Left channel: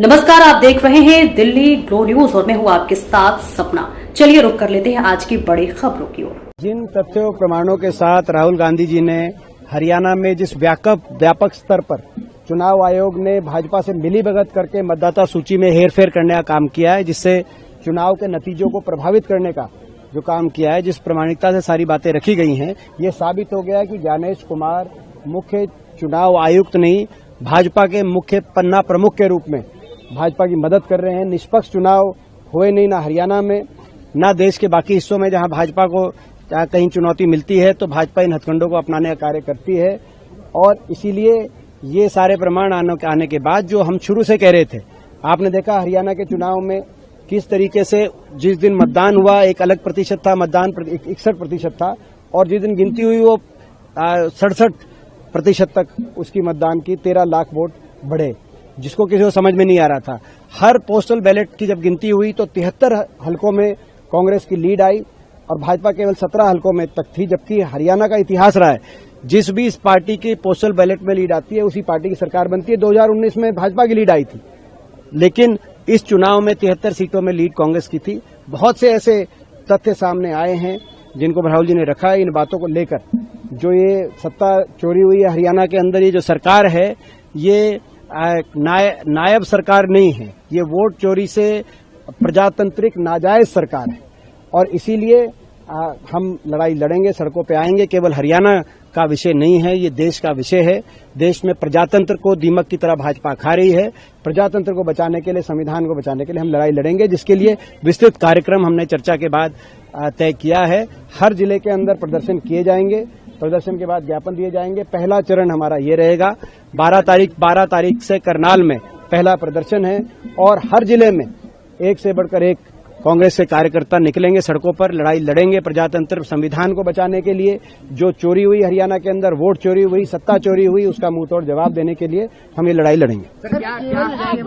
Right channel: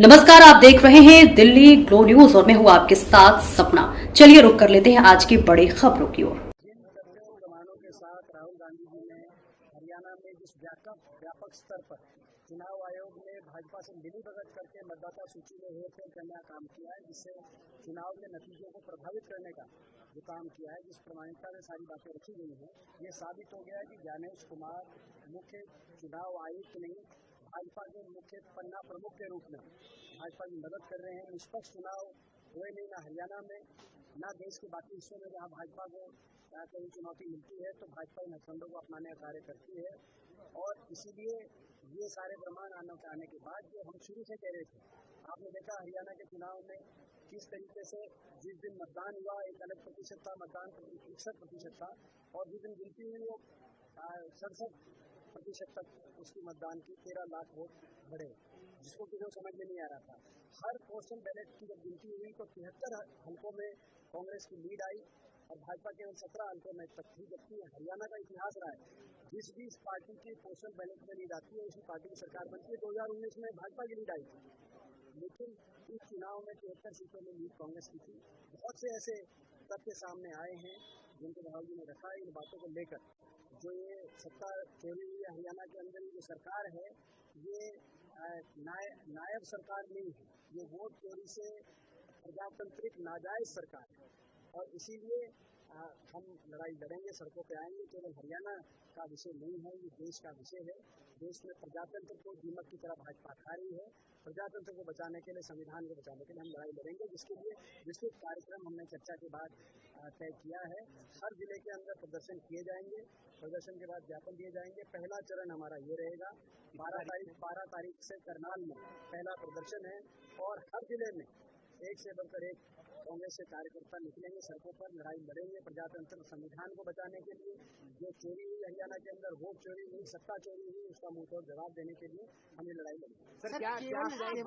नमस्कार, आप देख रहे हैं दिल्ली ग्लो न्यूज और मैं हूं आपके साथ सपना। चलिए रुक कर लेते हैं आज की बड़ी खबरों की ओर। जिन तथ्यों प्रमाणों के साथ राहुल गांधी जी ने हरियाणा में जिस व्यापक स्तर पर चुनाव आयोग ने भाजपा से मिलीभगत करके मतदाता सूची में हेरफेर करने का काम किया है, जिससे चुनाव के नतीजों को प्रभावित करने का जो काम किया है, जिस प्रामाणिकता से सारी बातें रखी गई हैं, ये साबित हो गया है कि ज्ञानेश कुमार मुख्य चुनाव आयुक्त नहीं, भाजपा के मुख्य पन्ना प्रमुख के रूप में भाजपा की मदद कर रहे हैं। निष्पक्ष चुनाव हुए नहीं, ना हरियाणा में ना देश के बाकी हिस्सों में जहां भाजपा को कहीं चुनौती मिलती है तो भाजपा इन हथकंडों को अपनाने का कार्य करती है। और इसीलिए ये सारे प्रमाण आने के बाद जो हम शुरू से कह रहे थे, आपने देखा हरियाणा के चुनाव में किस तरीके से जिस दिन मतदान हुआ एक अलग प्रतिशत था, मतदान 61% था, और जिस दिन गिनती हुई वो 67% तक उसकी मतदान की 13 लाख वोट बढ़े, जिसको किसी को समझ में नहीं आ रहा था। हर पोस्टल बैलेट की जब गिनती हुई तो 73 हलकों में कांग्रेस की लीड आई और भाजपा केवल 17 हलकों में तक थी, जबकि हरियाणा का इतिहास रहा है जिस भी इस पार्टी की पोस्टल बैलेट में लीड आती है उसी पार्टी की सरकार बनती है। 2019 में भाजपा की लीड आई थी, लेकिन इस चुनाव में 73 सीटों में लीड कांग्रेस की थी। बहुत से ऐसे तथ्य सामने आए हैं जिनको राहुल जी ने रखा है। इन बातों को लेकर जो ये सत्ता चोरी हुई है हरियाणा के अंदर, ये जो सरकार है ये नायब सरकार नहीं है, ये वोट चोरी से प्रजातांत्रिक नाजायज सरकार है। और इसीलिए हम लड़ाई लड़ेंगे, सड़कों पे आएंगे। केवल हरियाणा का विषय नहीं है, ये देश का विषय है। देश में प्रजातंत्र को दीमक की तरह भाजपा खा रही है। प्रजातंत्र को बचाने के लिए, संविधान को बचाने के लिए हम लड़ाई लड़ेंगे, जिसके लिए विस्तृत कार्यक्रम हमने चर्चा के बाद तय किया है। हर जिले के अंदर प्रदर्शन किए जाएंगे, प्रदर्शन के बाद ज्ञापन दिए जाएंगे। पहला चरण हमारा ये रहेगा, 12 तारीख से करनाल में पहला प्रदर्शन है और हर जिले में एक से बढ़कर एक कांग्रेस के कार्यकर्ता निकलेंगे, सड़कों पर लड़ाई लड़ेंगे प्रजातंत्र संविधान को बचाने के लिए। जो चोरी हुई हरियाणा के अंदर, वोट चोरी हुई, सत्ता चोरी हुई, उसका मुंहतोड़ जवाब देने के लिए हम ये लड़ाई लड़ेंगे।